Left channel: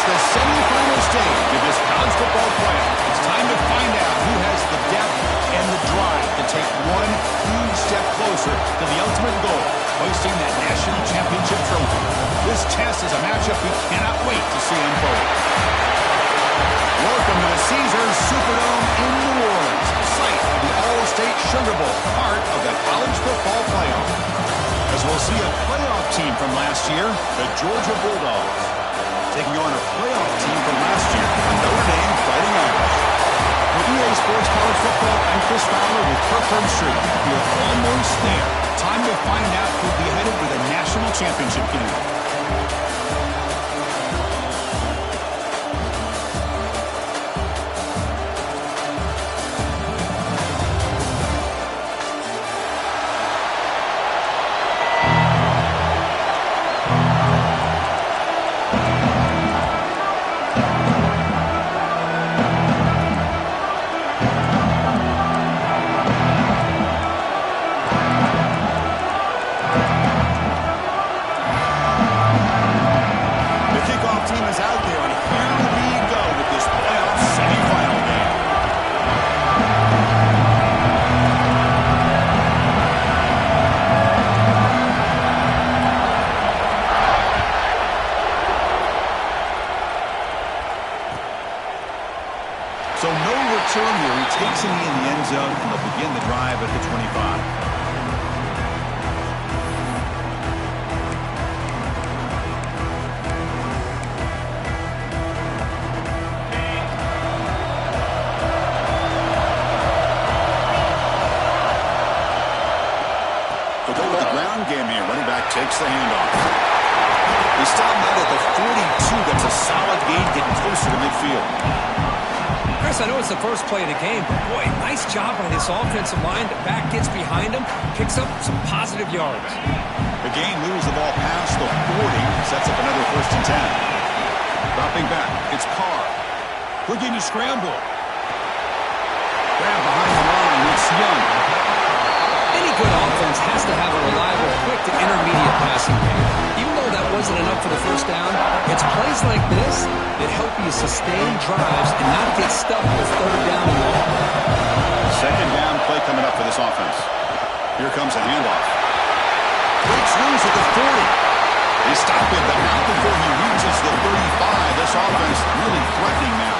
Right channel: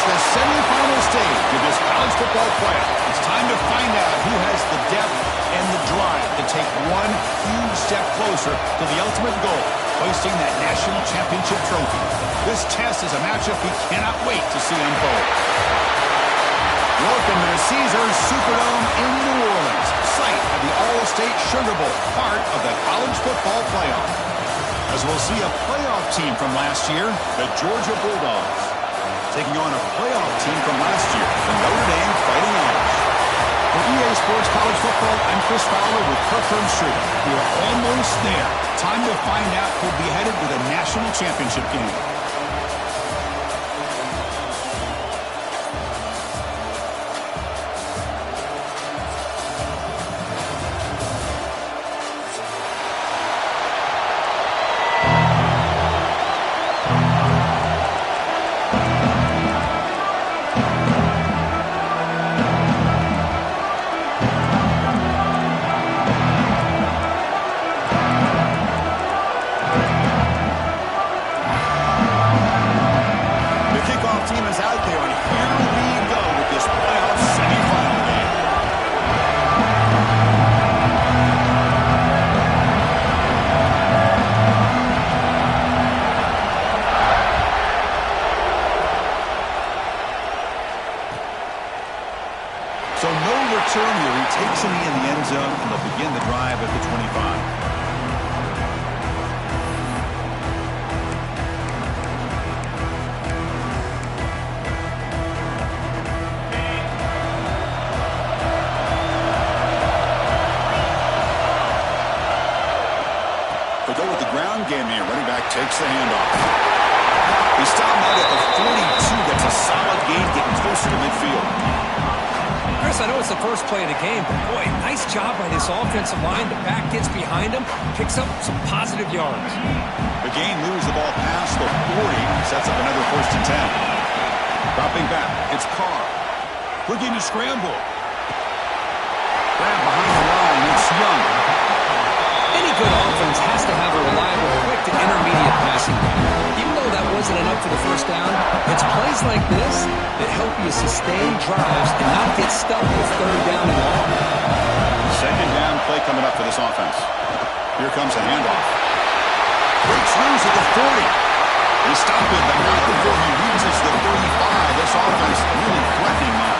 It's the semifinal stage of this college football playoff. It's time to find out who has the depth and the drive to take one huge step closer to the ultimate goal, hoisting that national championship trophy. This test is a matchup we cannot wait to see unfold. Welcome to the Caesars Superdome in New Orleans, site of the All-State Sugar Bowl, part of the college football playoff. As we'll see a playoff team from last year, the Georgia Bulldogs, taking on a playoff team from last year, the Notre Dame Fighting Irish. For EA Sports College Football, I'm Chris Fowler with Kirk Herbstreit. We are almost there. Time to find out who'll be headed with a national championship game. So no return here. He takes him in the end zone, and they'll begin the drive at the 25. They'll go with the ground game here. Running back takes the handoff. He stopped out at the 42. That's a solid gain, getting closer to midfield. Chris, I know it's the first play of the game, but boy, nice job by this offensive line. The back gets behind him, picks up some positive yards. The game moves the ball past the 40, sets up another 1st and 10. Dropping back, it's Carr. Looking to scramble. Grab behind the line, it's Young. Any good offense has to have a reliable, quick to intermediate passing game. Even though that wasn't enough for the first down, it's plays like this that help you sustain drives and not get stuck with 3rd down and long. Second down play coming up for this offense. Here comes a handoff. Breaks loose at the 40. They stop him, but not before he reaches the 35. This offense really threatening now.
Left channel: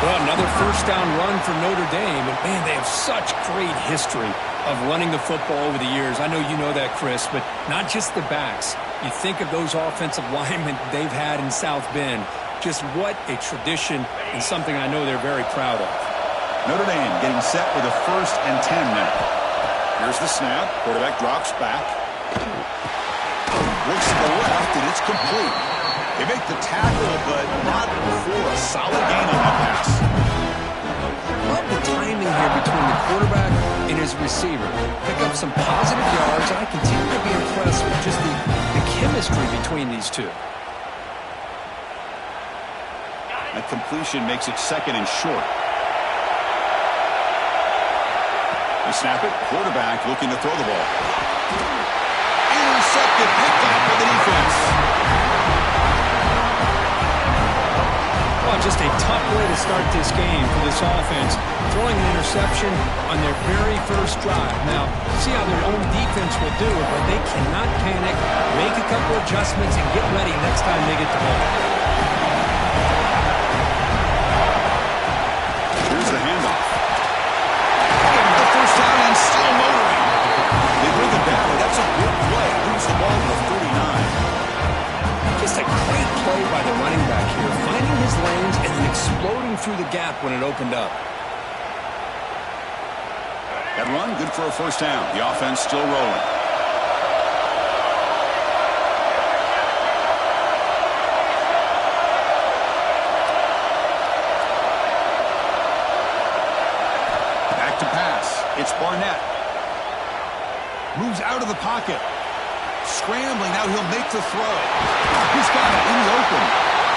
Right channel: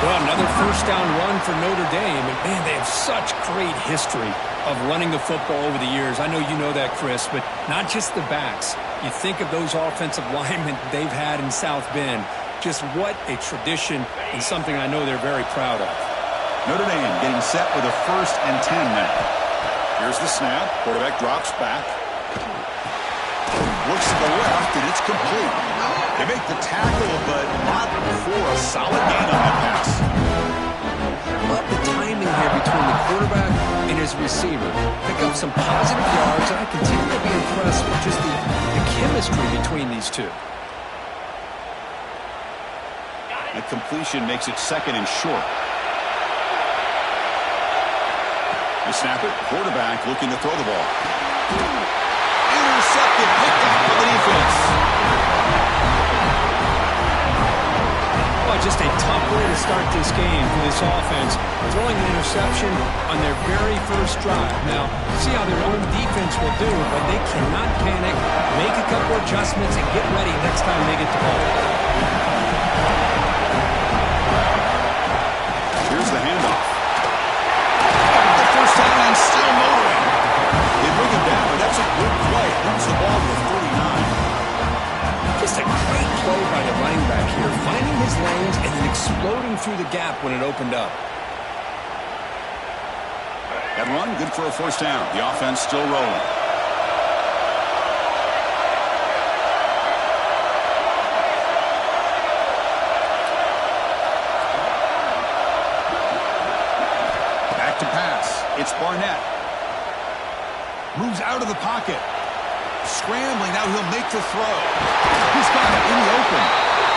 Well, another 1st down run for Notre Dame, and man, they have such great history of running the football over the years. I know you know that, Chris, but not just the backs. You think of those offensive linemen they've had in South Bend. Just what a tradition and something I know they're very proud of. Notre Dame getting set with a 1st and 10 now. Here's the snap. Quarterback drops back. Looks to the left, and it's complete. They make the tackle, but not before a solid gain on that pass. Love the timing here between the quarterback and his receiver. Pick up some positive yards, and I continue to be impressed with just the chemistry between these two. That completion makes it 2nd and short. They snap it. Quarterback looking to throw the ball. Intercepted, picked up by the defense. Well, just a tough way to start this game for this offense. Throwing an interception on their very first drive. Now, see how their own defense will do it, but they cannot panic, make a couple adjustments, and get ready next time they get the ball. Here's the handoff. Got the 1st down and still motoring. They bring him down, but that's a good play. Moves the ball to the 39. Just a great play by the running back here, finding his lanes and then exploding through the gap when it opened up. That run, good for a 1st down. The offense still rolling. Back to pass. It's Barnett. Moves out of the pocket. Scrambling, now he'll make the throw. He's got it in the open.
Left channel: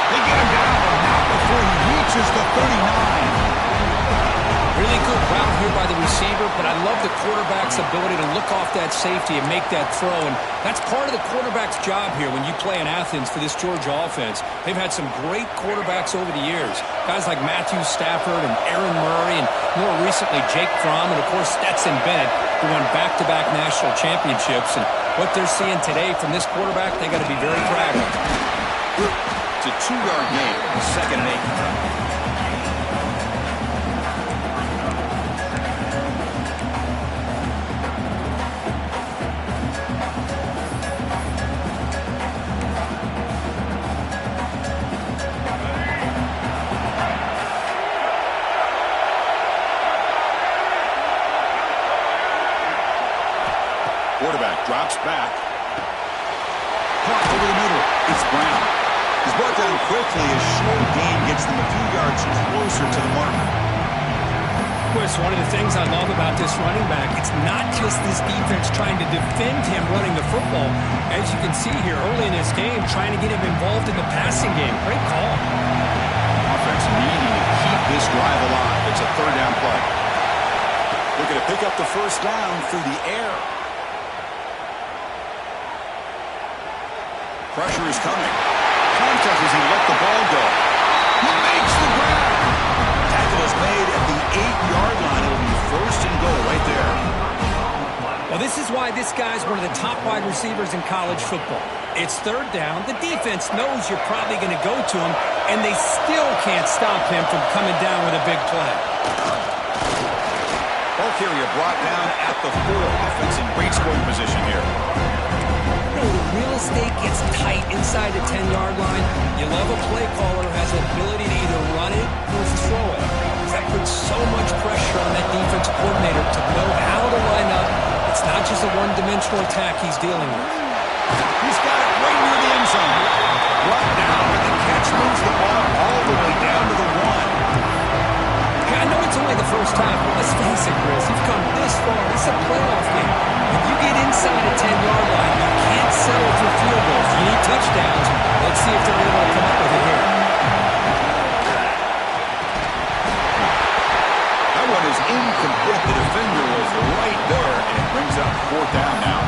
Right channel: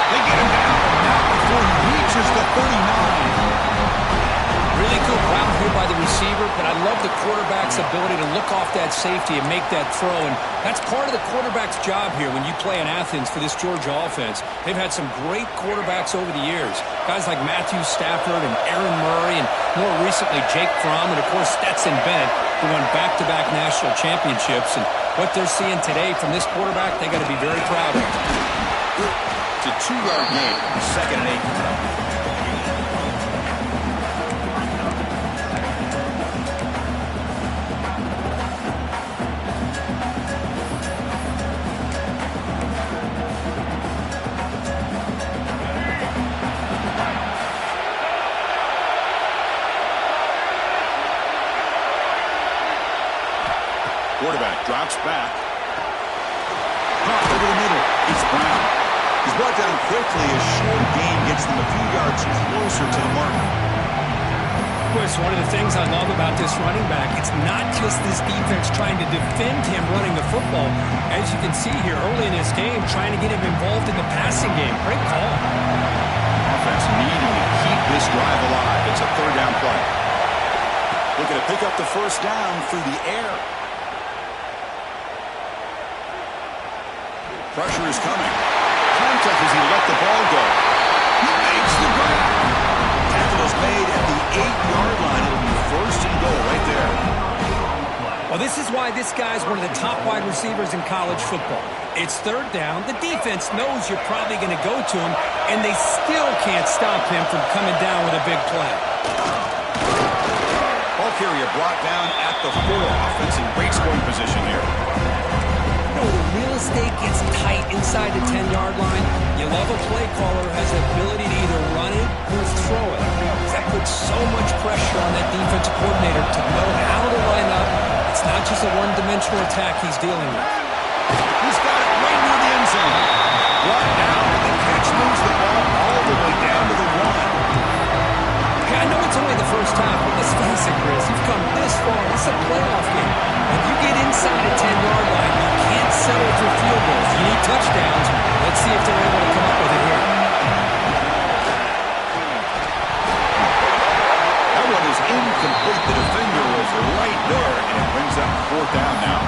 They get him down, but not before he reaches the 39. Really good route here by the receiver, but I love the quarterback's ability to look off that safety and make that throw. And that's part of the quarterback's job here when you play in Athens for this Georgia offense. They've had some great quarterbacks over the years. Guys like Matthew Stafford and Aaron Murray, and more recently Jake Fromm, and of course Stetson Bennett, who won back-to-back national championships. And what they're seeing today from this quarterback, they got to be very proud of. It's a 2-yard gain. 2nd and 8 coming up. Quarterback drops back. Caught over the middle. It's Brown. He's brought down quickly. A short gain gets them a few yards closer to the mark. Chris, one of the things I love about this running back, it's not just this defense trying to defend him running the football. As you can see here early in this game, trying to get him involved in the passing game. Great call. Offense needing to keep this drive alive. It's a 3rd down play. Looking to pick up the 1st down through the air. Pressure is coming. Contact as he let the ball go. He makes the grab. Tackle is made at the 8-yard line. It'll be 1st and goal right there. Well, this is why this guy's one of the top wide receivers in college football. It's 3rd down. The defense knows you're probably going to go to him, and they still can't stop him from coming down with a big play. Ball carrier brought down at the 4. Offense in great scoring position here. The real estate gets tight inside the 10-yard line. You love a play caller who has the ability to either run it or throw it. That puts so much pressure on that defensive coordinator to know how to line up. It's not just a one-dimensional attack he's dealing with. He's got it right near the end zone. Brought down, and the catch moves the ball all the way down to the 1. Okay, I know it's only the first half, but let's face it, Chris. You've come this far. It's a playoff game. If you get inside a 10-yard line, you can't settle for field goals. You need touchdowns. Let's see if they're able to come up with it here. That one is incomplete. The defender was right there, and it brings up 4th down now.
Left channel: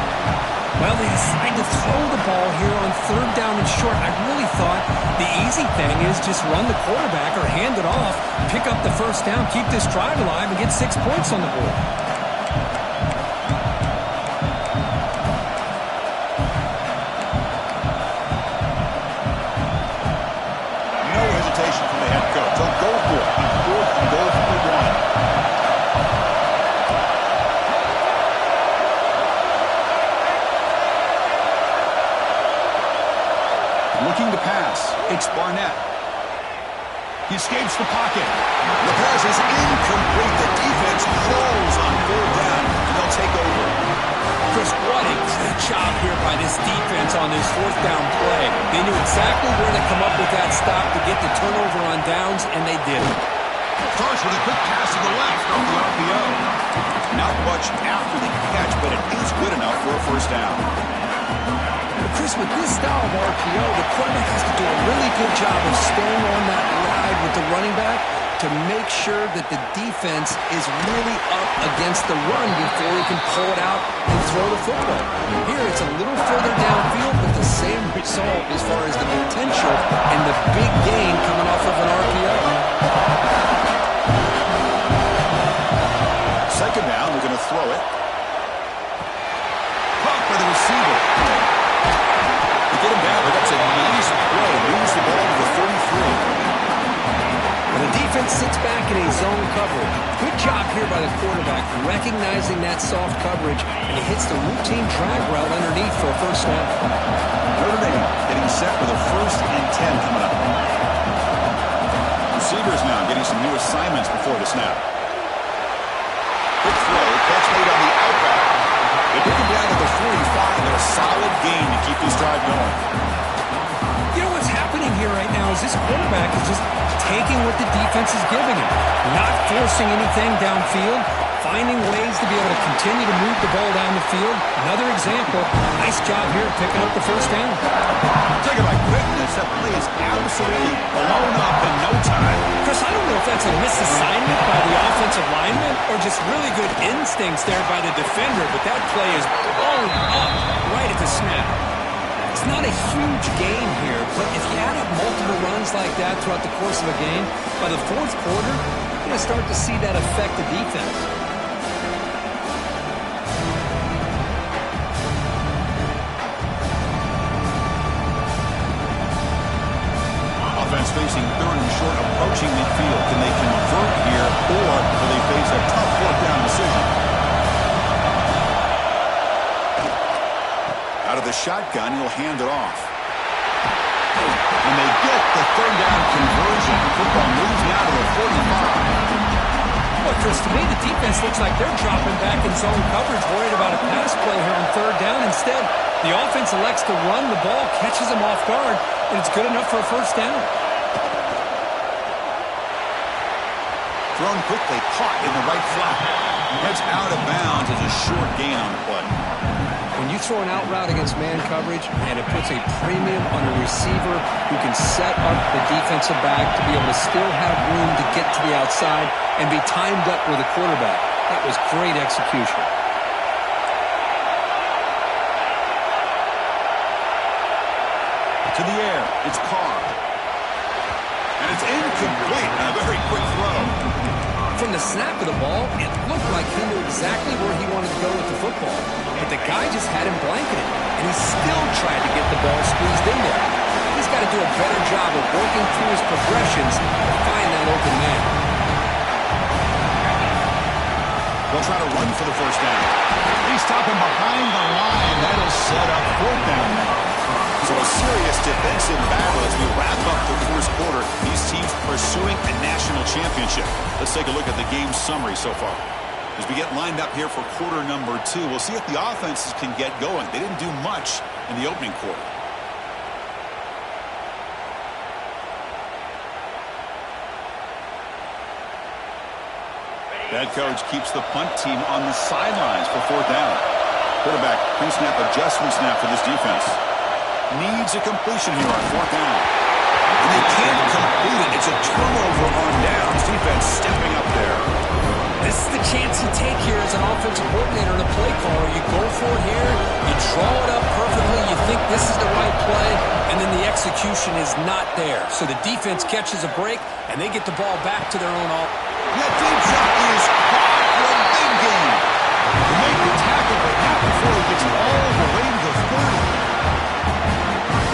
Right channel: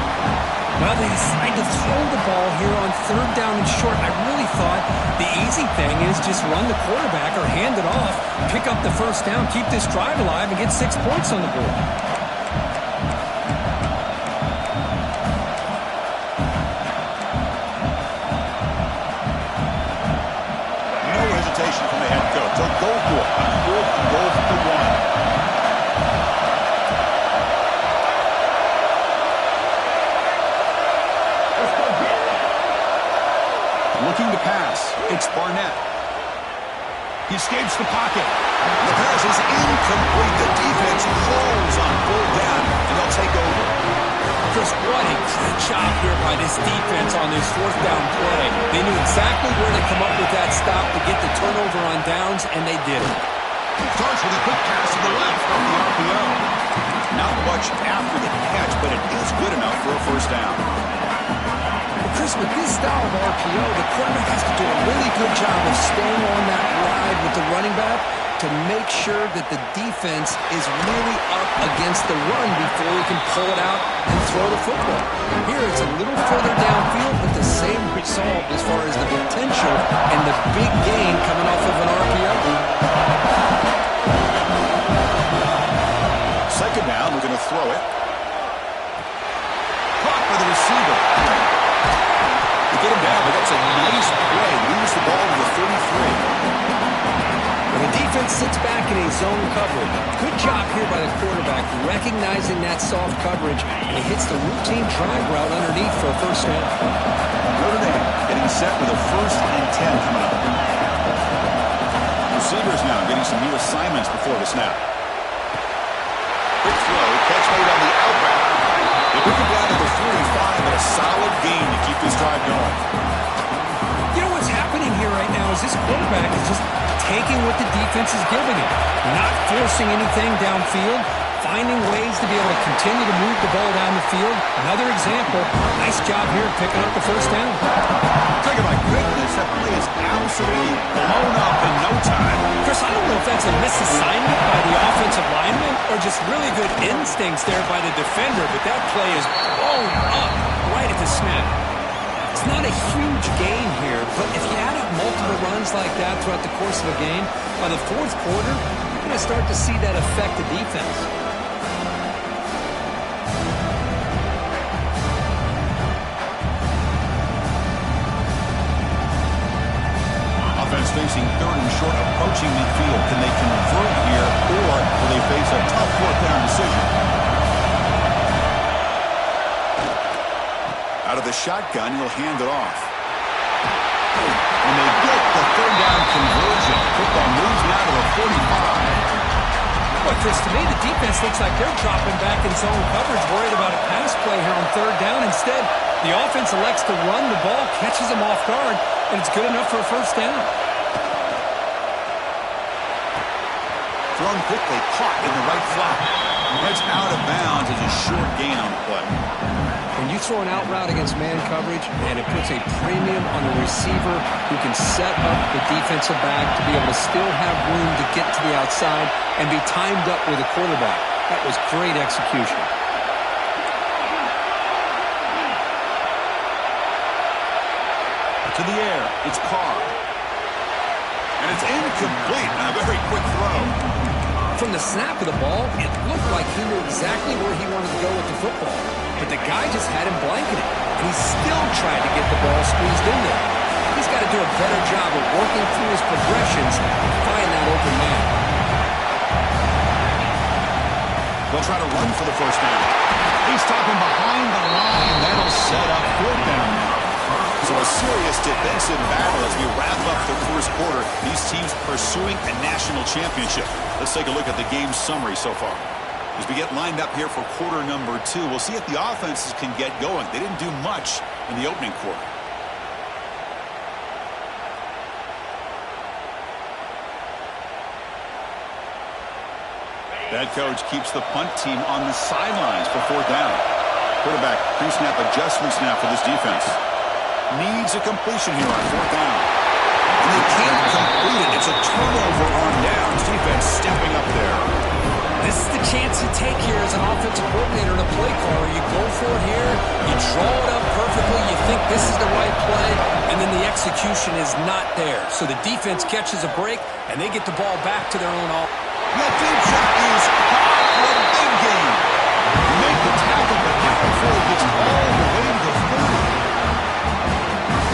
Well, they decide to throw the ball here on 3rd down and short. I really thought the easy thing is just run the quarterback or hand it off, pick up the 1st down, keep this drive alive, and get 6 points on the board. From the head coach. They'll go for it on 4th and goal from the 1. Looking to pass. It's Barnett. He escapes the pocket. The pass is incomplete. The defense holds on 4th down, and they'll take over. Chris, what a great job here by this defense on this 4th down play. They knew exactly where to come up with that stop to get the turnover on downs, and they did it. Starts with a quick pass to the left off the RPO. Not much after the catch, but it is good enough for a 1st down. Well, Chris, with this style of RPO, the quarterback has to do a really good job of staying on that ride with the running back to make sure that the defense is really up against the run before he can pull it out and throw the football. Here, it's a little further downfield, but the same result as far as the potential and the big gain coming off of an RPO. 2nd down, we're going to throw it. Caught by the receiver. To get him down, but that's a nice play. Moves the ball to the 33. The defense sits back in a zone coverage. Good job here by the quarterback, recognizing that soft coverage, and he hits the routine drag route underneath for a 1st down. Notre Dame getting set with a 1st and 10 coming up. Receivers now getting some new assignments before the snap. Quick throw, catch made on the out route. They bring him down to the 45, and a solid gain to keep this drive going. You know what's happening here right now is this quarterback is just taking what the defense is giving him, not forcing anything downfield, finding ways to be able to continue to move the ball down the field. Another example, nice job here picking up the first down. Talking about quickness, that play is absolutely blown up in no time. Chris, I don't know if that's a misassignment by the offensive lineman or just really good instincts there by the defender, but that play is blown up right at the snap. It's not a huge gain here, but if you add up multiple runs like that throughout the course of a game, by the fourth quarter, you're going to start to see that affect the defense. Offense facing third and short, approaching midfield. Can they convert here, or will they face a tough fourth down decision? Out of the shotgun, he'll hand it off. And they get the third down conversion. Football moves now to the 45. Boy, Chris, to me, the defense looks like they're dropping back in zone coverage, worried about a pass play here on third down. Instead, the offense elects to run the ball, catches them off guard, and it's good enough for a first down. Thrown quickly, caught in the right flat. Heads out of bounds as a short gain on the play. When you throw an out route against man coverage, and it puts a premium on the receiver who can set up the defensive back to be able to still have room to get to the outside and be timed up with a quarterback. That was great execution. To the air, it's Carr. And it's incomplete on a very quick throw. From the snap of the ball, it looked like he knew exactly where he wanted to go with the football. But the guy just had him blanketed, and he still tried to get the ball squeezed in there. He's got to do a better job of working through his progressions to find that open man. They'll try to run for the first down. They stop him behind the line. That'll set up fourth down now. So a serious defensive battle as we wrap up the first quarter. These teams pursuing a national championship. Let's take a look at the game summary so far. As we get lined up here for quarter number 2, we'll see if the offenses can get going. They didn't do much in the opening quarter. The head coach keeps the punt team on the sidelines for fourth down. Quarterback pre-snap adjustment snap for this defense. Needs a completion here on fourth down. And they can't complete it. It's a turnover on downs. Defense stepping up there. This is the chance you take here as an offensive coordinator and a play caller. You go for it here, you draw it up perfectly, you think this is the right play, and then the execution is not there. So the defense catches a break, and they get the ball back to their own offense. That deep shot is caught for a big gain. He made the tackle, but not before he gets all the way to the 30.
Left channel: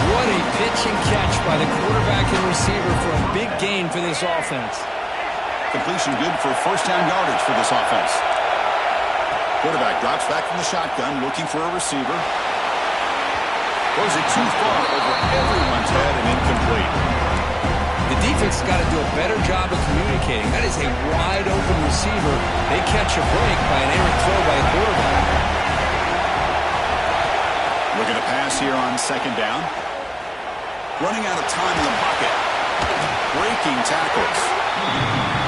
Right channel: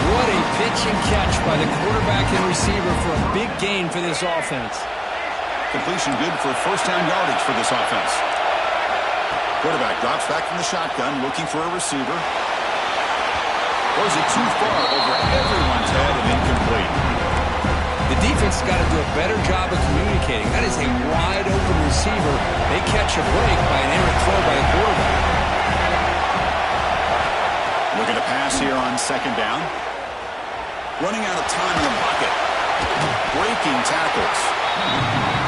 What a pitch and catch by the quarterback and receiver for a big gain for this offense. Completion good for first down yardage for this offense. Quarterback drops back from the shotgun, looking for a receiver. Throws it too far over everyone's head and incomplete. The defense has got to do a better job of communicating. That is a wide open receiver. They catch a break by an errant throw by a quarterback. Looking to pass here on second down. Running out of time in the pocket. Breaking tackles.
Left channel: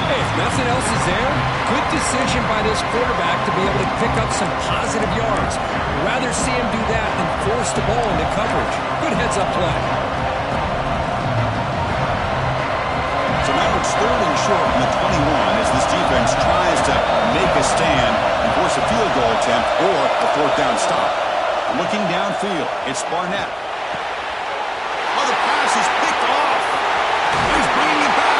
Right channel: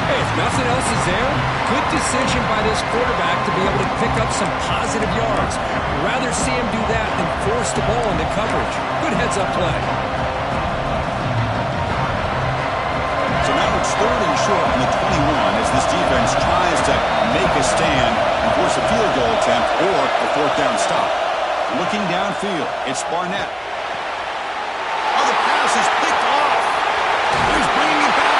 Hey, if nothing else is there, good decision by this quarterback to be able to pick up some positive yards. Rather see him do that than force the ball into coverage. Good heads-up play. So now it's third and short from the 21 as this defense tries to make a stand and force a field goal attempt or a fourth down stop. Looking downfield, it's Barnett. Oh, the pass is picked off. He's bringing it back.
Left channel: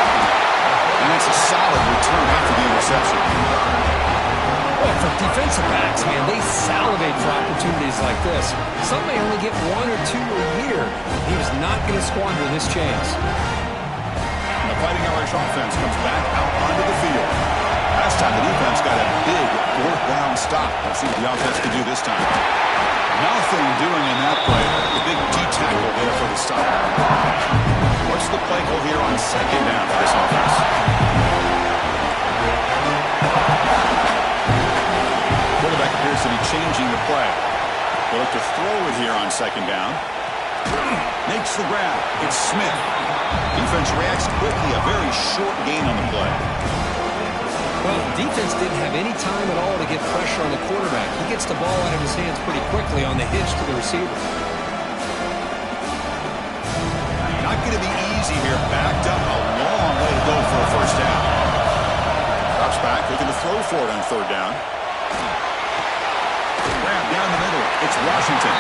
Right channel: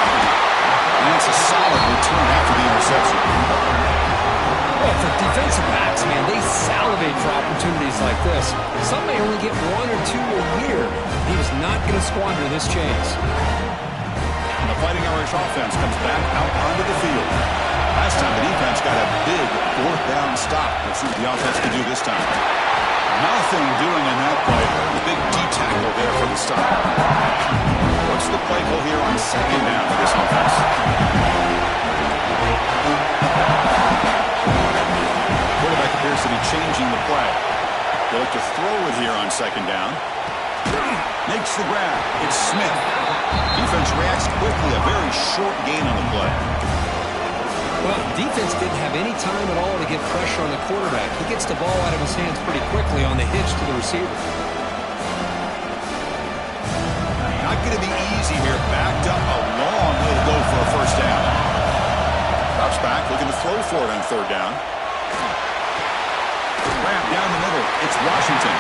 And that's a solid return after the interception. Well, for defensive backs, man, they salivate for opportunities like this. Some may only get 1 or 2 a year. He was not going to squander this chance. And the Fighting Irish offense comes back out onto the field. Last time the defense got a big fourth down stop. Let's see what the offense can do this time. Nothing doing in that play. The big D-tackle there for the stop. What's the play call here on second down for this offense? Quarterback appears to be changing the play. They look to throw it here on second down. Makes the grab. It's Smith. Defense reacts quickly. A very short gain on the play. Well, defense didn't have any time at all to get pressure on the quarterback. He gets the ball out of his hands pretty quickly on the hitch to the receiver. Not going to be easy here. Backed up a long way to go for a first down. Drops back, looking to throw for it on third down. Wrap down the middle. It's Washington.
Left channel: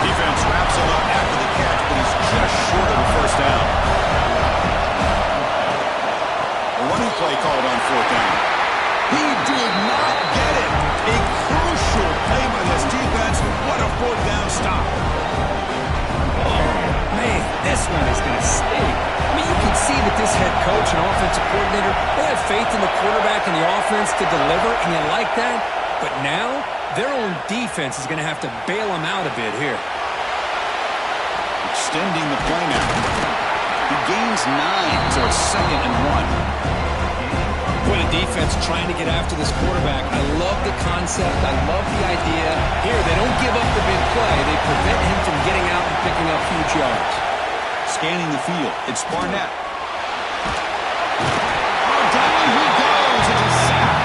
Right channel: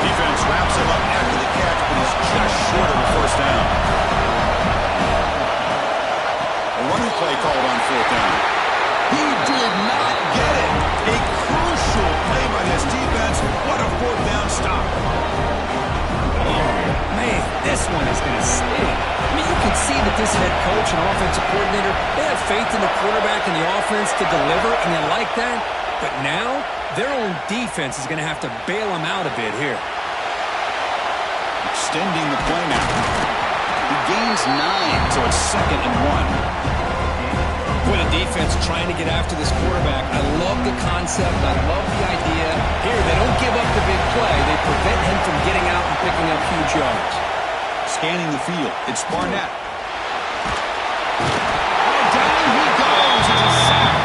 Defense wraps him up after the catch, but he's just short of a first down. A running play called on fourth down. He did not get it. A crucial play by this defense. What a fourth down stop. Oh, man, this one is going to sting. I mean, you can see that this head coach and offensive coordinator, they have faith in the quarterback and the offense to deliver, and you like that. But now, their own defense is going to have to bail them out a bit here. Extending the play now. He gains 9, so it's 2nd and 1. For the defense trying to get after this quarterback, I love the concept. I love the idea. Here, they don't give up the big play. They prevent him from getting out and picking up huge yards. Scanning the field. It's Barnett. Oh, down he goes. It's a sack.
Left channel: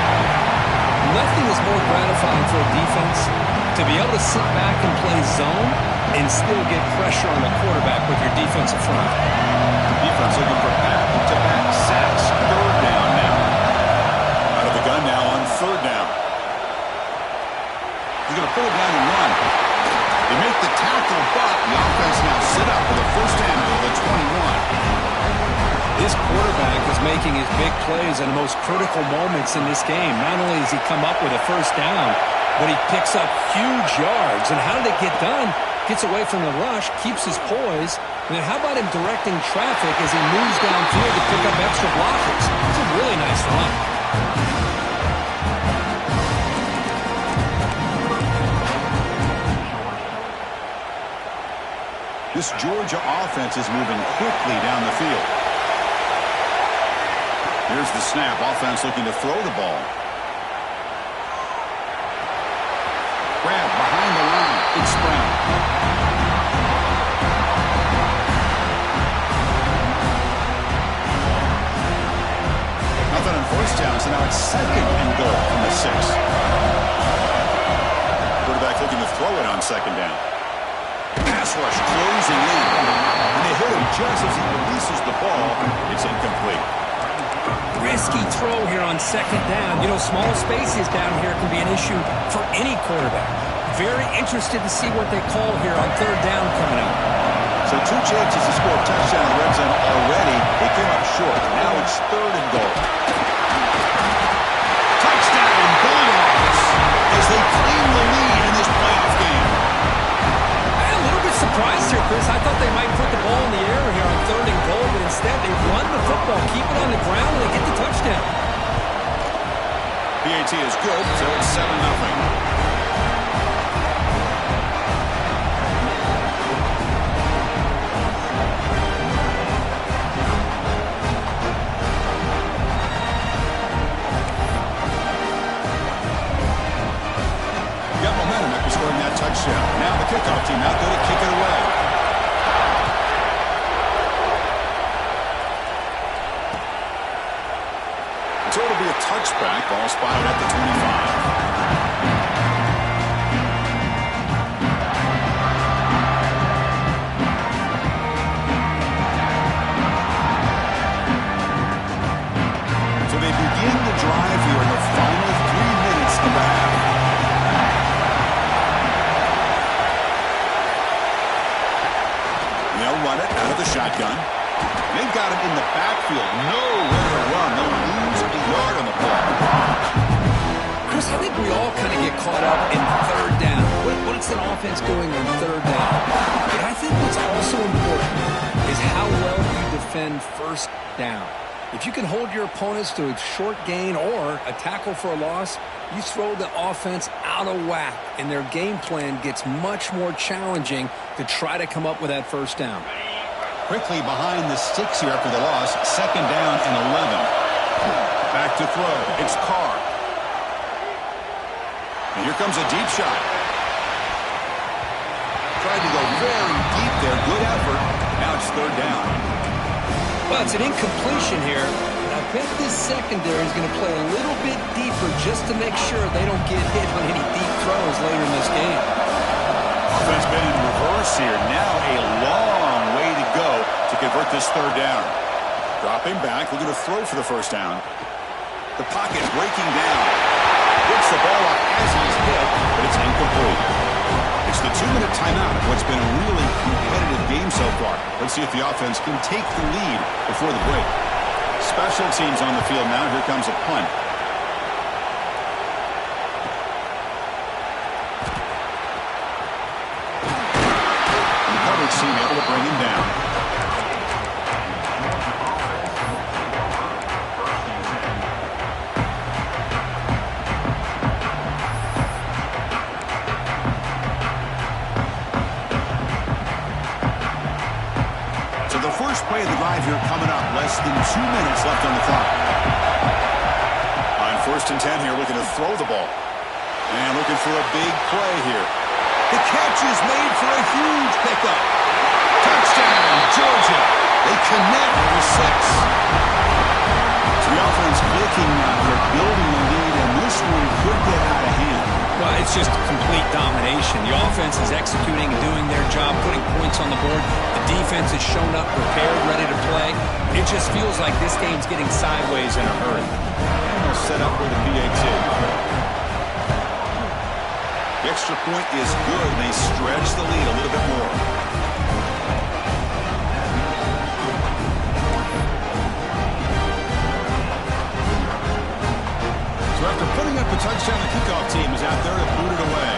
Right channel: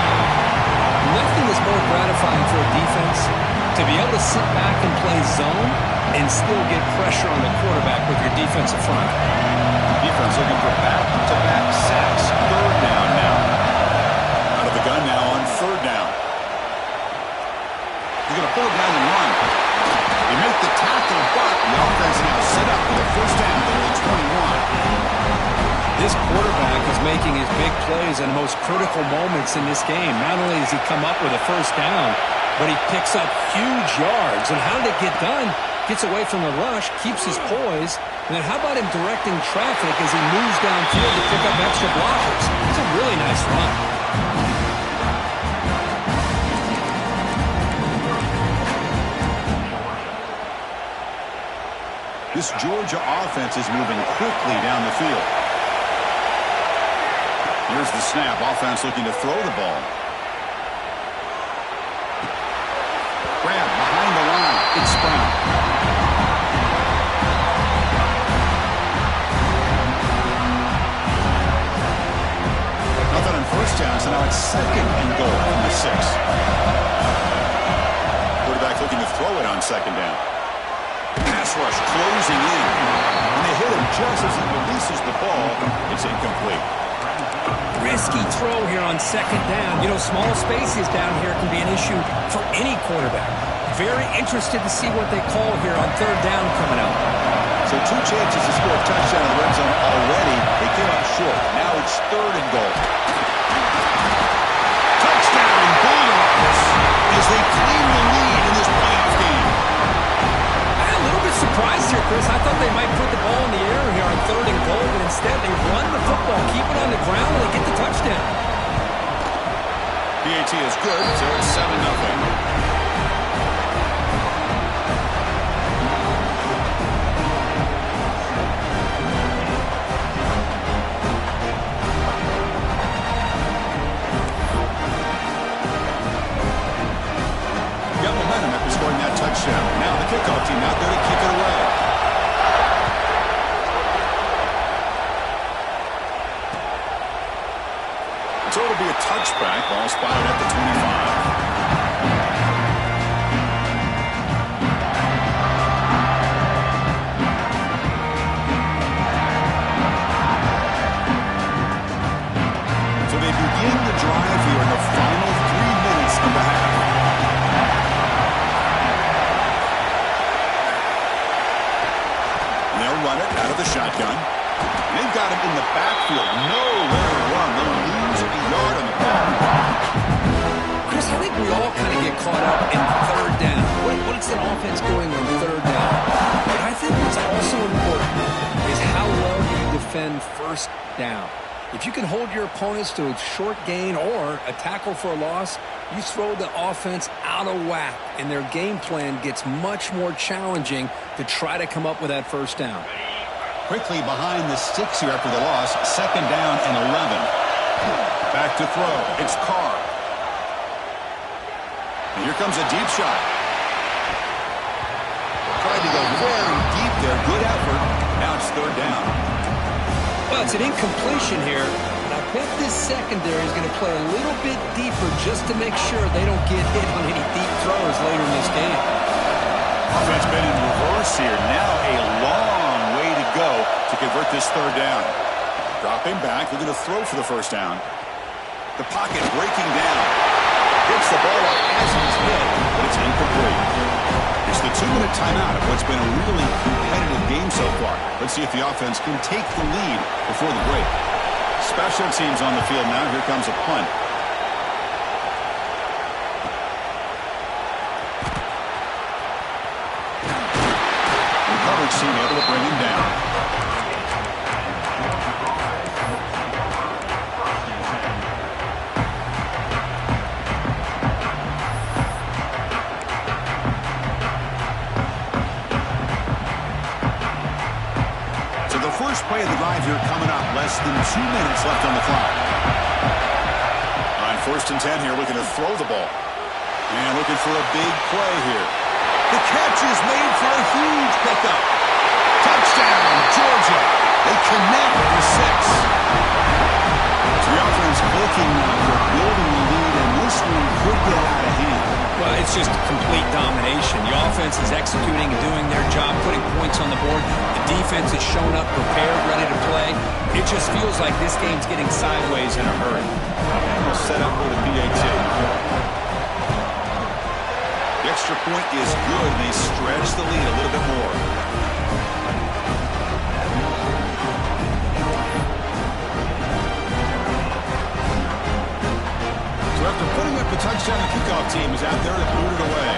Nothing is more gratifying for a defense to be able to sit back and play zone and still get pressure on the quarterback with your defensive front. Defense looking for back-to-back sacks. Third down now. Out of the gun now on third down. He's going to pull it down and run. They make the tackle, but the offense now set up with a first down at the 21. This quarterback is making his big plays in the most critical moments in this game. Not only does he come up with a first down, but he picks up huge yards. And how did it get done? Gets away from the rush, keeps his poise, and then how about him directing traffic as he moves downfield to pick up extra blockers? It's a really nice run. This Georgia offense is moving quickly down the field. Here's the snap. Offense looking to throw the ball. Grab behind the line. It's Brown. Nothing on first down, so now it's 2nd and goal from the 6. Quarterback looking to throw it on 2nd down. Pass rush closing in. And they hit him just as he releases the ball. It's incomplete. Risky throw here on 2nd down. You know, small spaces down here can be an issue for any quarterback. Very interested to see what they call here on 3rd down coming up. So 2 chances to score a touchdown in the red zone already. They came up short. Now it's 3rd and goal. Touchdown Bulldogs as they claim the lead in this playoff game. I'm a little bit surprised here, Chris. I thought they might put the ball in the air here on 3rd and goal, but instead they run the football, keep it on the ground, and they get the touchdown. PAT is good, so it's 7-0. After scoring that touchdown. Now the kickoff team out there to kick it away. So it'll be a touchback. Ball spotted at the 25. So they begin the drive here in the final 3 minutes of the half. They'll run it out of the shotgun. They've got him in the backfield. Nowhere to run. They'll lose a yard on the ball. Chris, I think we all kind of get caught up in 3rd down. What's an offense doing on 3rd down? But I think what's also important is how well you defend 1st down. If you can hold your opponents to a short gain or a tackle for a loss, you throw the offense out of whack, and their game plan gets much more challenging to try to come up with that 1st down. Quickly behind the sticks here after the loss. 2nd down and 11. Back to throw. It's Carr. And here comes a deep shot. Tried to go very deep there. Good effort. Now it's 3rd down. Well, it's an incompletion here, but I'll bet this secondary is going to play a little bit deeper just to make sure they don't get hit on any deep throws later in this game. Offense been in reverse here. Now a long way to go to convert this third down. Dropping back, looking to throw for the first down. The pocket breaking down. Gets the ball up as he's hit, but it's incomplete. It's the 2-minute timeout of what's been a really competitive game so far. Let's see if the offense can take the lead before the break. Special teams on the field now. Here comes a punt. The coverage team able to bring him down. First play of the drive here coming up. Less than 2 minutes left on the clock. On 1st and 10 here, looking to throw the ball. And looking for a big play here. The catch is made for a huge pickup. Touchdown, Georgia. They connect for 6. So the offense clicking now. They're building the lead, and this one could get out of hand. Well, it's just complete domination. The offense is executing and doing their job, putting points on the board. The defense is shown up, prepared, ready to play. It just feels like this game's getting sideways in a hurry. And they'll set up with a PAT. The extra point is good, and they stretch the lead a little bit more. So after putting up a touchdown, the kickoff team is out there to boot it away.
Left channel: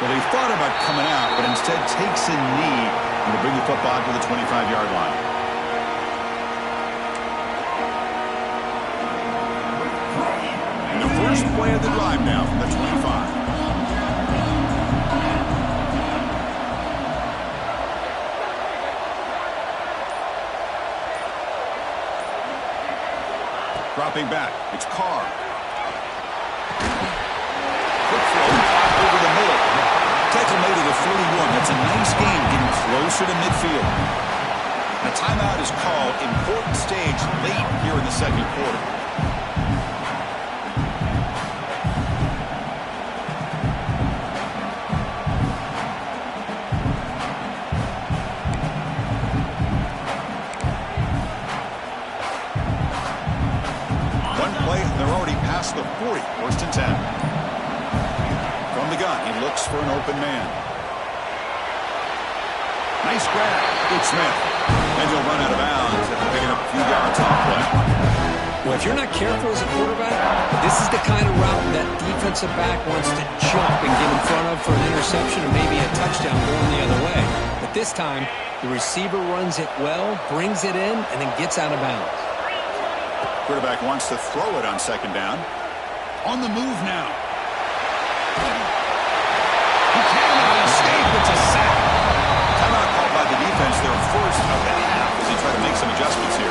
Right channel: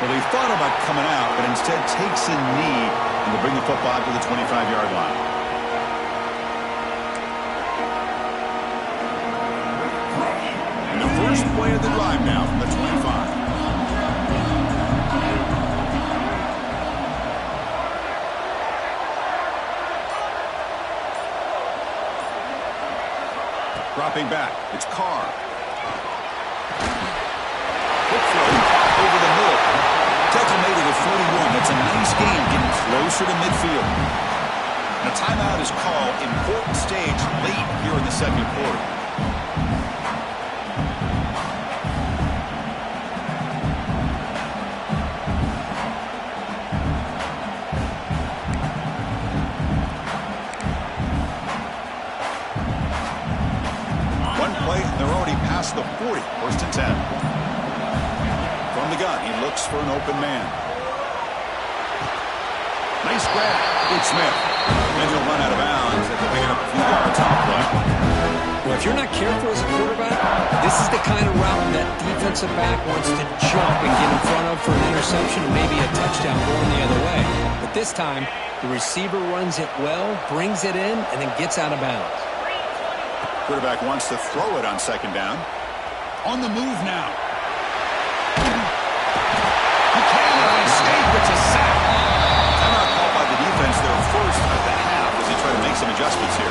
Well, he thought about coming out, but instead takes a knee and will bring the football to the 25-yard line. And the first play of the drive now from the 25. Dropping back, it's Carr. Quick throw, caught over the middle. Tackle made at the 41. That's a nice game, getting closer to midfield. And a timeout is called. Important stage late here in the second quarter. They're already past the 40. 1st and 10. From the gun, he looks for an open man. Nice grab. It's Smith. And he'll run out of bounds after picking up a few yards on the play. Well, if you're not careful as a quarterback, this is the kind of route that defensive back wants to jump and get in front of for an interception and maybe a touchdown going the other way. But this time, the receiver runs it well, brings it in, and then gets out of bounds. Quarterback wants to throw it on 2nd down. On the move now. He cannot escape. It's a sack. Timeout called by the defense, their first of the half, as they try to make some adjustments here.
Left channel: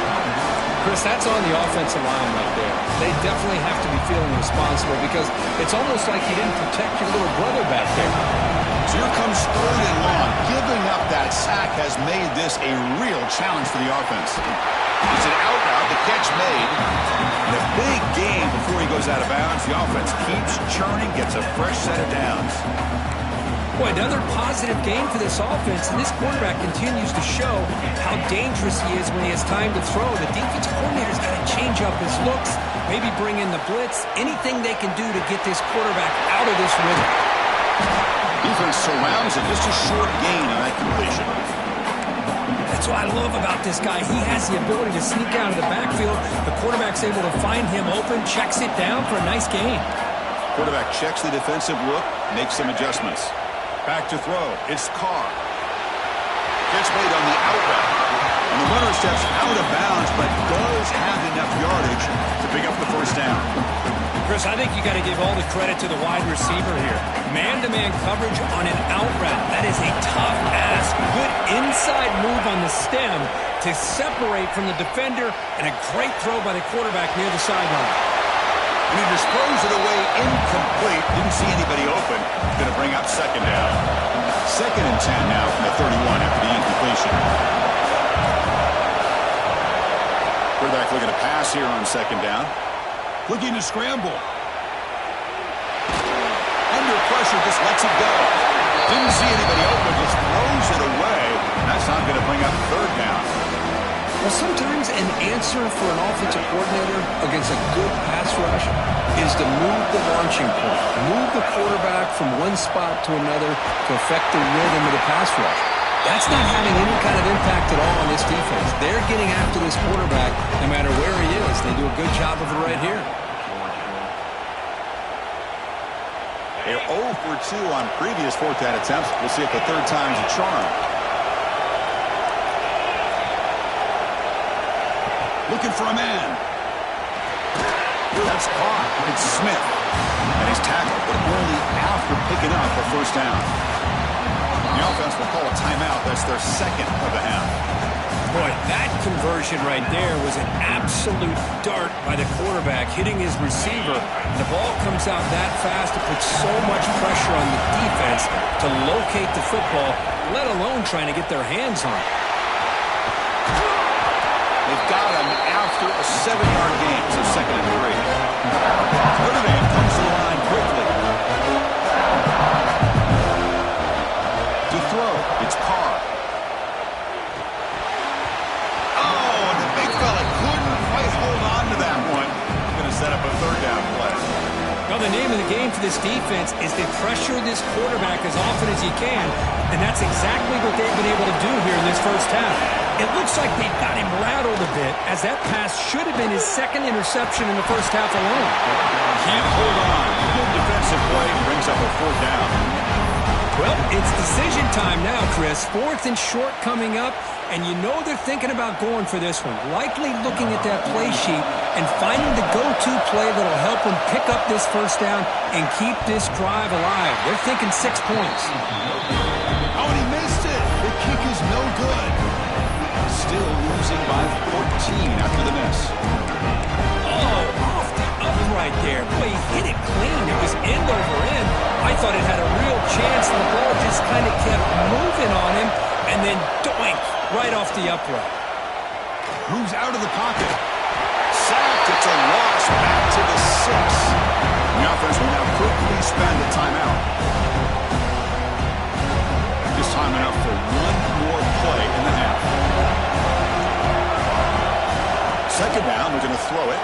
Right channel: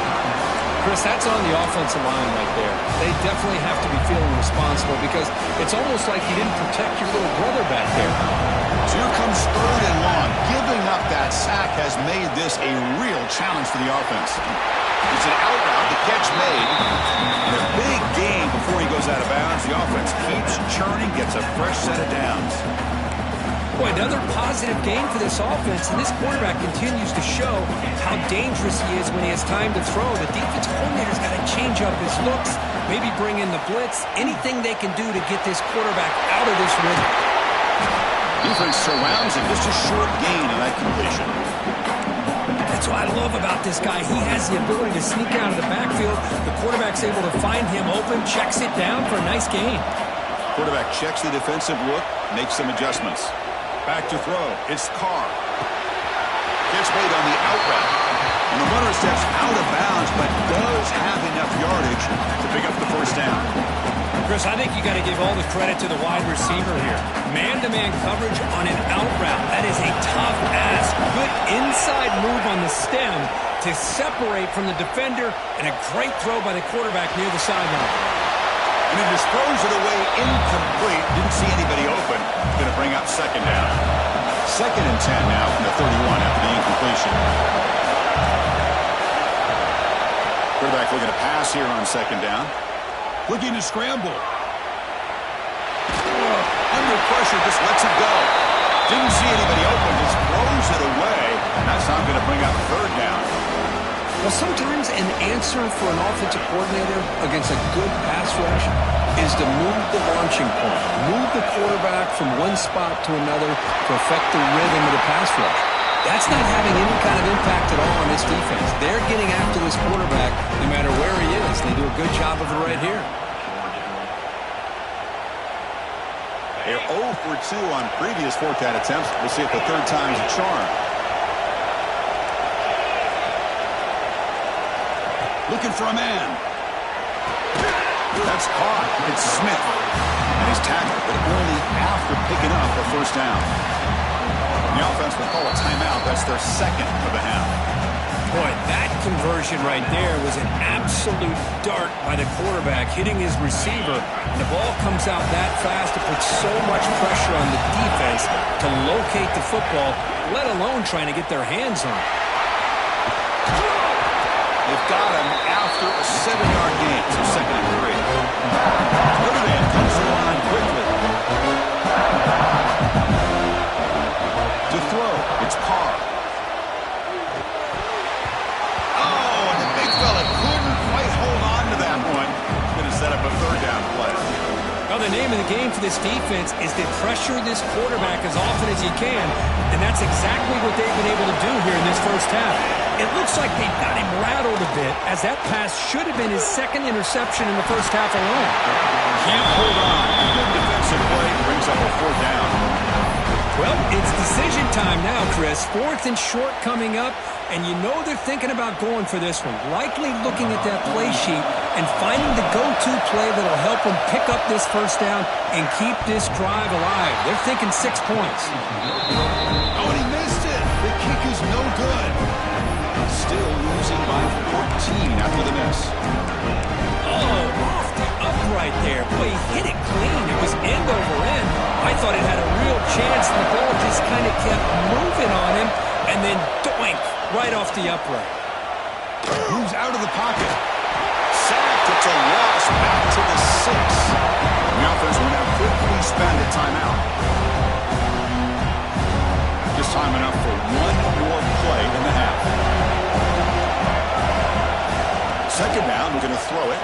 Chris, that's on the offensive line right there. They definitely have to be feeling responsible because it's almost like you didn't protect your little brother back there. So here comes 3rd and long. Giving up that sack has made this a real challenge for the offense. It's an out route, the catch made, and a big gain before he goes out of bounds. The offense keeps churning, gets a fresh set of downs. Boy, another positive game for this offense, and this quarterback continues to show how dangerous he is when he has time to throw. The defensive coordinator's got to change up his looks, maybe bring in the blitz, anything they can do to get this quarterback out of this rhythm. Defense surrounds him, just a short gain on that completion. That's what I love about this guy. He has the ability to sneak out of the backfield. The quarterback's able to find him open, checks it down for a nice gain. Quarterback checks the defensive look, makes some adjustments. Back to throw. It's Carr. Catch made on the out route. And the runner steps out of bounds, but does have enough yardage to pick up the first down. Chris, I think you got to give all the credit to the wide receiver here. Man-to-man coverage on an out route. That is a tough ask. Good inside move on the stem to separate from the defender, and a great throw by the quarterback near the sideline. And he disposed it away incomplete. Didn't see anybody open. Going to bring up 2nd down. 2nd and 10 now from the 31 after the incompletion. Quarterback looking to pass here on 2nd down. Looking to scramble. Under pressure, just lets it go. Didn't see anybody open, just throws it away. And that's not going to bring up 3rd down. Well, sometimes an answer for an offensive coordinator against a good pass rush is to move the launching point, move the quarterback from one spot to another to affect the rhythm of the pass rush. That's not having any kind of impact at all on this defense. They're getting after this quarterback no matter where he is. They do a good job of it right here. They're 0 for 2 on previous 4th down attempts. We'll see if the 3rd time's a charm. Looking for a man. That's caught. It's Smith. And he's tackled, but only after picking up a 1st down. The offense will call a timeout. That's their 2nd of the half. Boy, that conversion right there was an absolute dart by the quarterback, hitting his receiver. And the ball comes out that fast. It puts so much pressure on the defense to locate the football, let alone trying to get their hands on it. They've got him after a 7-yard gain, so 2nd and 3. Notre Dame comes to the line quickly. To throw, it's Carr. Oh, and the big fella couldn't quite hold on to that one. He's going to set up a 3rd down play. Well, the name of the game for this defense is to pressure this quarterback as often as you can, and that's exactly what they've been able to do here in this 1st half. It looks like they've got him rattled a bit, as that pass should have been his 2nd interception in the 1st half alone. Can't hold on. Good defensive play brings up a 4th down. Well, it's decision time now, Chris. 4th and short coming up, and you know they're thinking about going for this one. Likely looking at that play sheet and finding the go-to play that'll help them pick up this 1st down and keep this drive alive. They're thinking 6 points. Oh, and he missed it. The kick is no good. Still losing by 14 after the miss. Oh, off the upright there. Boy, he hit it clean. It was end over end. I thought it had a real chance, and the ball just kind of kept moving on him, and then doink, right off the upright. Moves out of the pocket. Sacked. It's a loss back to the 6. The offense will now quickly spend a timeout. Just time enough for one more play in the half. 2nd down, we're going to throw it.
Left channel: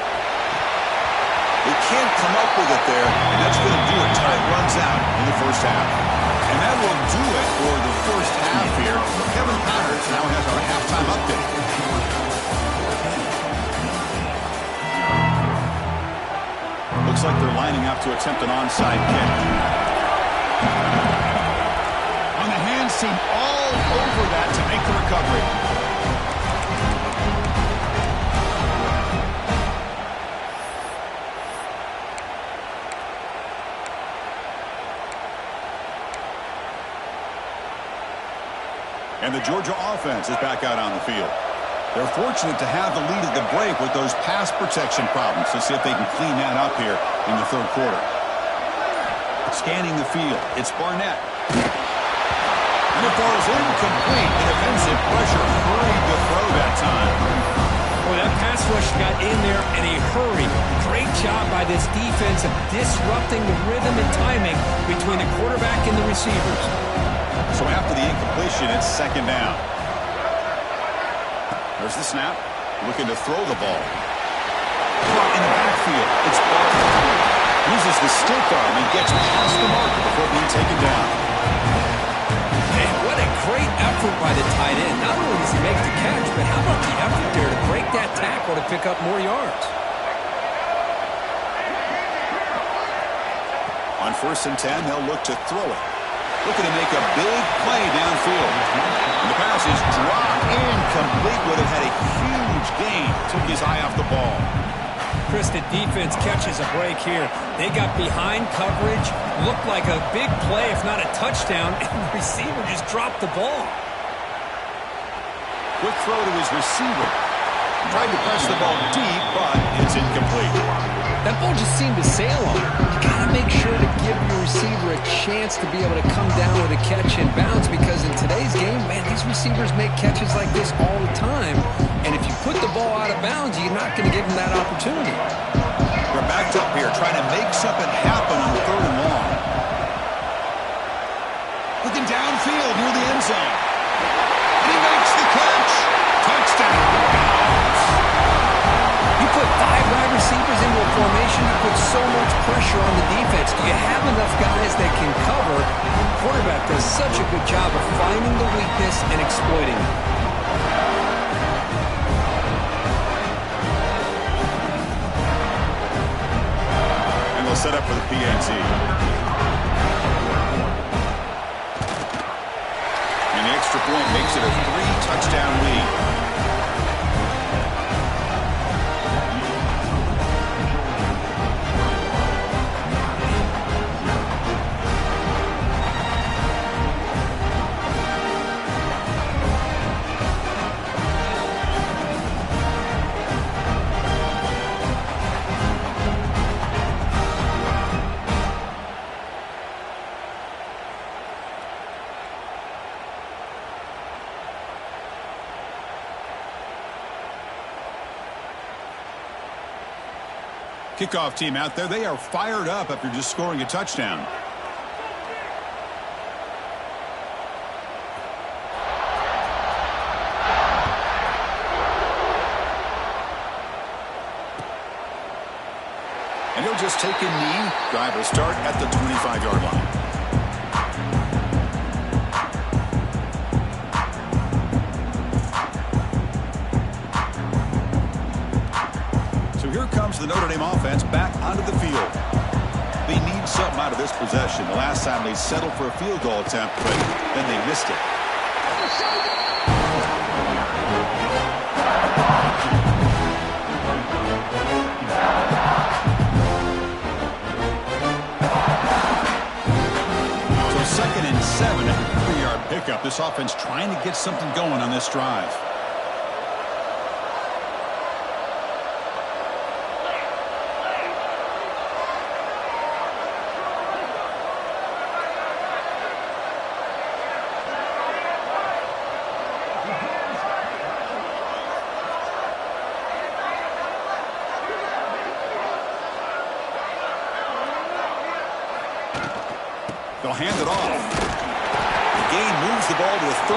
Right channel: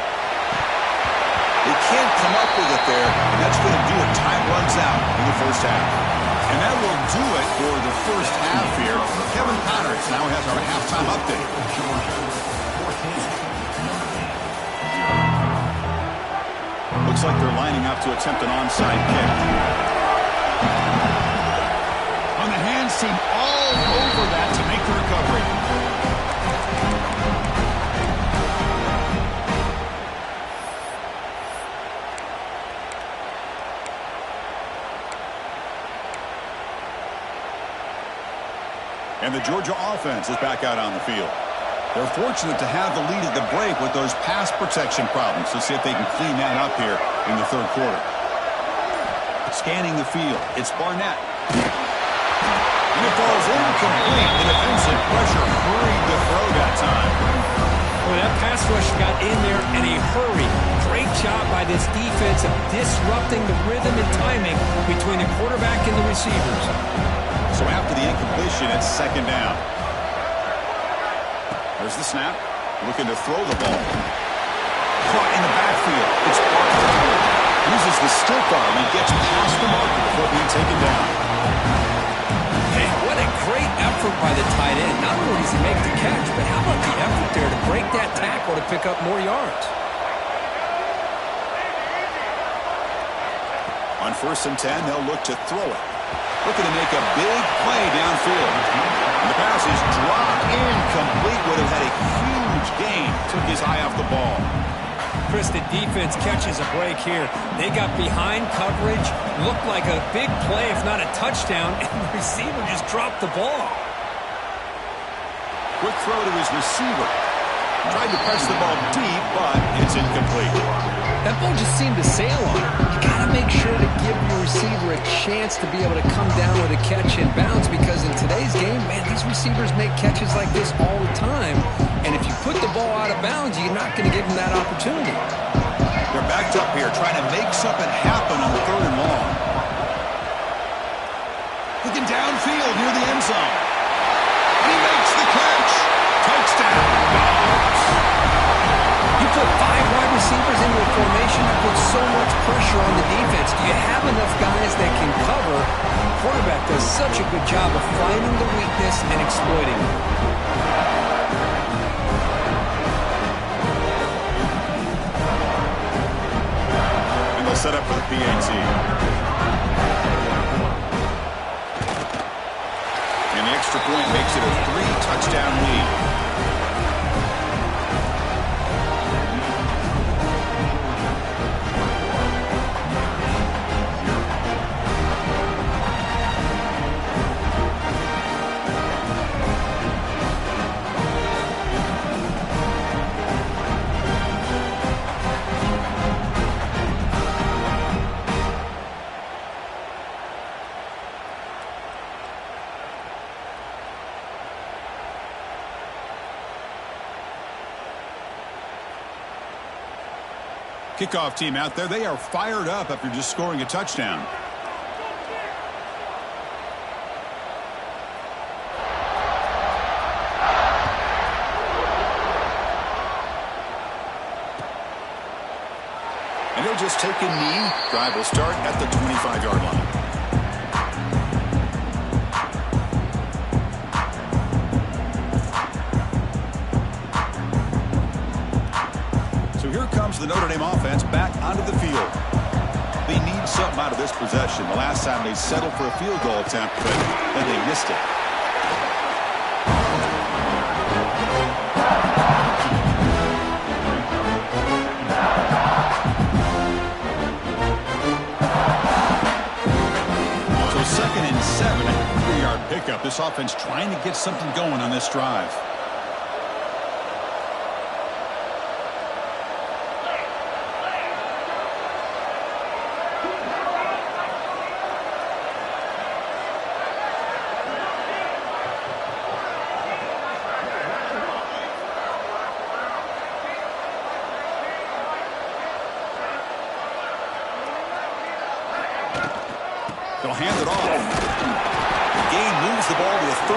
They can't come up with it there, and that's going to do it. Time runs out in the 1st half. And that will do it for the 1st half here. Kevin Connors now has our halftime update. Looks like they're lining up to attempt an onside kick. On the hands team all over that to make the recovery. And the Georgia offense is back out on the field. They're fortunate to have the lead at the break with those pass protection problems. Let's see if they can clean that up here in the 3rd quarter. Scanning the field. It's Barnett. And it falls incomplete. The defensive pressure hurried the throw that time. Boy, that pass rush got in there in a hurry. Great job by this defense of disrupting the rhythm and timing between the quarterback and the receivers. So after the incompletion, it's 2nd down. There's the snap. Looking to throw the ball. Caught in the backfield. It's Barkley. Uses the stick arm and gets past the marker before being taken down. Man, what a great effort by the tight end. Not only does he make the catch, but how about the effort there to break that tackle to pick up more yards? On 1st and 10, they'll look to throw it. Looking to make a big play downfield. And the pass is dropped incomplete. Would have had a huge gain. Took his eye off the ball. Chris, the defense catches a break here. They got behind coverage. Looked like a big play, if not a touchdown. And the receiver just dropped the ball. Quick throw to his receiver. Tried to press the ball deep, but it's incomplete. That ball just seemed to sail on it. You got to make sure to give your receiver a chance to be able to come down with a catch and bounce, because in today's game, man, these receivers make catches like this all the time. And if you put the ball out of bounds, you're not going to give them that opportunity. They're backed up here trying to make something happen on the 3rd and long. Looking downfield near the end zone. And he makes the catch. Touchdown, Dogs. You put 5 wide receivers into a formation, that puts so much pressure on the defense. Do you have enough guys that can cover? The quarterback does such a good job of finding the weakness and exploiting it. And they'll set up for the PAT. And the extra point makes it a 3-touchdown lead. Kickoff team out there. They are fired up after just scoring a touchdown. And he'll just take a knee. Drive will start at the 25-yard line. Here comes the Notre Dame offense back onto the field. They need something out of this possession. The last time they settled for a field goal attempt, but then they missed it. So 2nd and 7 at the 3-yard pickup. This offense trying to get something going on this drive. They'll hand it off. The gain moves the ball to the 34.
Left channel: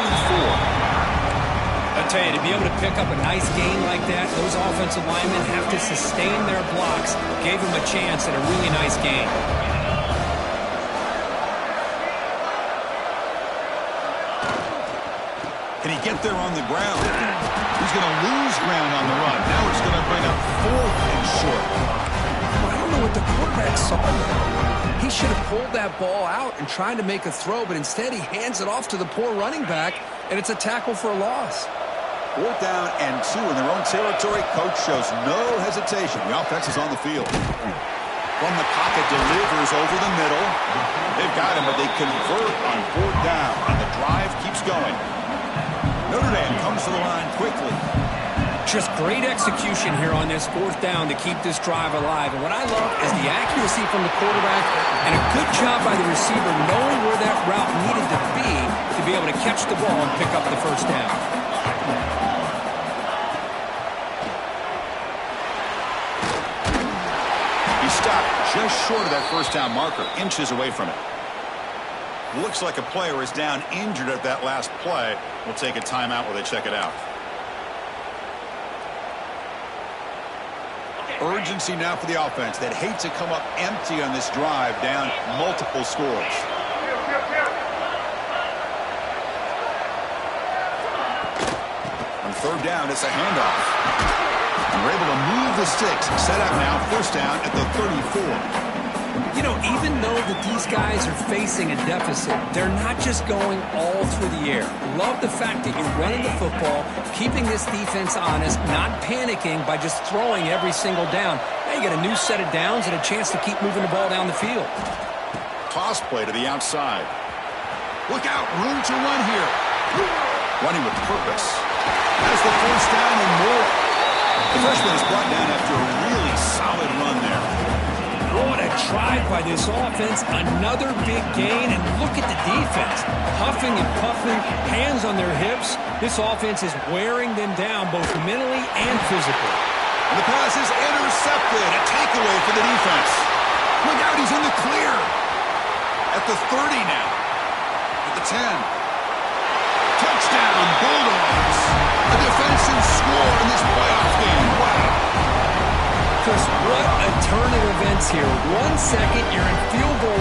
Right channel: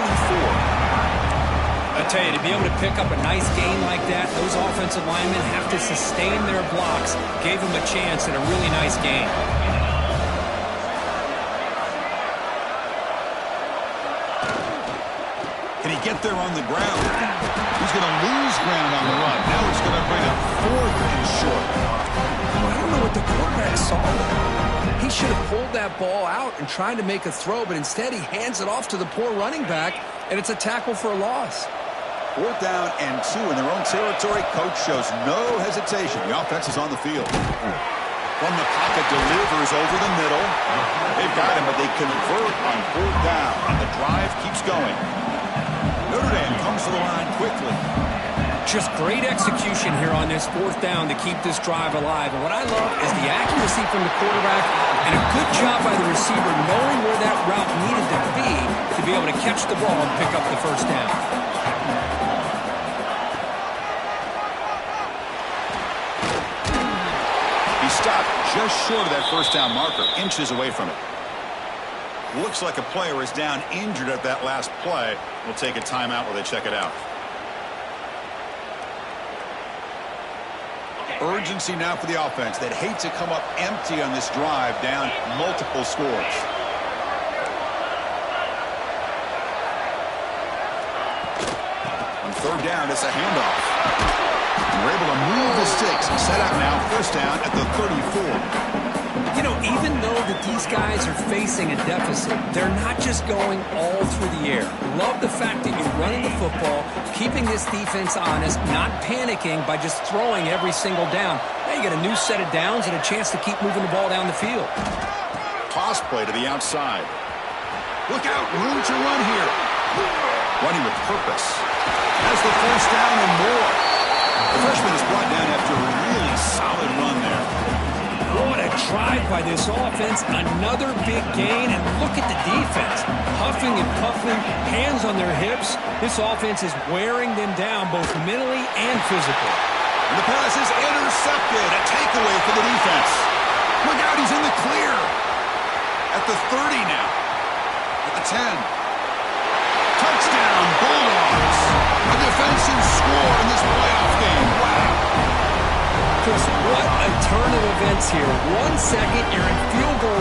I tell you, to be able to pick up a nice gain like that, those offensive linemen have to sustain their blocks. Gave them a chance at a really nice gain. Can he get there on the ground? He's going to lose ground on the run. Now it's going to bring up 4th and short. Well, I don't know what the quarterback saw there. He should have pulled that ball out and tried to make a throw, but instead he hands it off to the poor running back, and it's a tackle for a loss. 4th down and 2 in their own territory. Coach shows no hesitation. The offense is on the field. From the pocket, delivers over the middle. They've got him, but they convert on 4th down, and the drive keeps going. Notre Dame comes to the line quickly. Just great execution here on this 4th down to keep this drive alive. And what I love is the accuracy from the quarterback and a good job by the receiver knowing where that route needed to be able to catch the ball and pick up the 1st down. He stopped just short of that 1st down marker, inches away from it. Looks like a player is down injured at that last play. We'll take a timeout while they check it out. Urgency now for the offense. They'd hate to come up empty on this drive, down multiple scores. On 3rd down, it's a handoff. And we're able to move the sticks. Set up now, 1st down at the 34. You know, even though that these guys are facing a deficit, they're not just going all through the air. Love the fact that you're running the football, keeping this defense honest, not panicking by just throwing every single down. Now you got a new set of downs and a chance to keep moving the ball down the field. Toss play to the outside. Look out, room to run here. Running with purpose. Has the 1st down and more. The freshman is brought down after a really solid run there. What a drive by this offense. Another big gain, and look at the defense. Huffing and puffing, hands on their hips. This offense is wearing them down both mentally and physically. And the pass is intercepted. A takeaway for the defense. Look out, he's in the clear. At the 30 now. At the 10. Touchdown, Bulldogs. A defensive score in this playoff game. Wow. Chris, what a turn of events here. 1 second, you're in field goal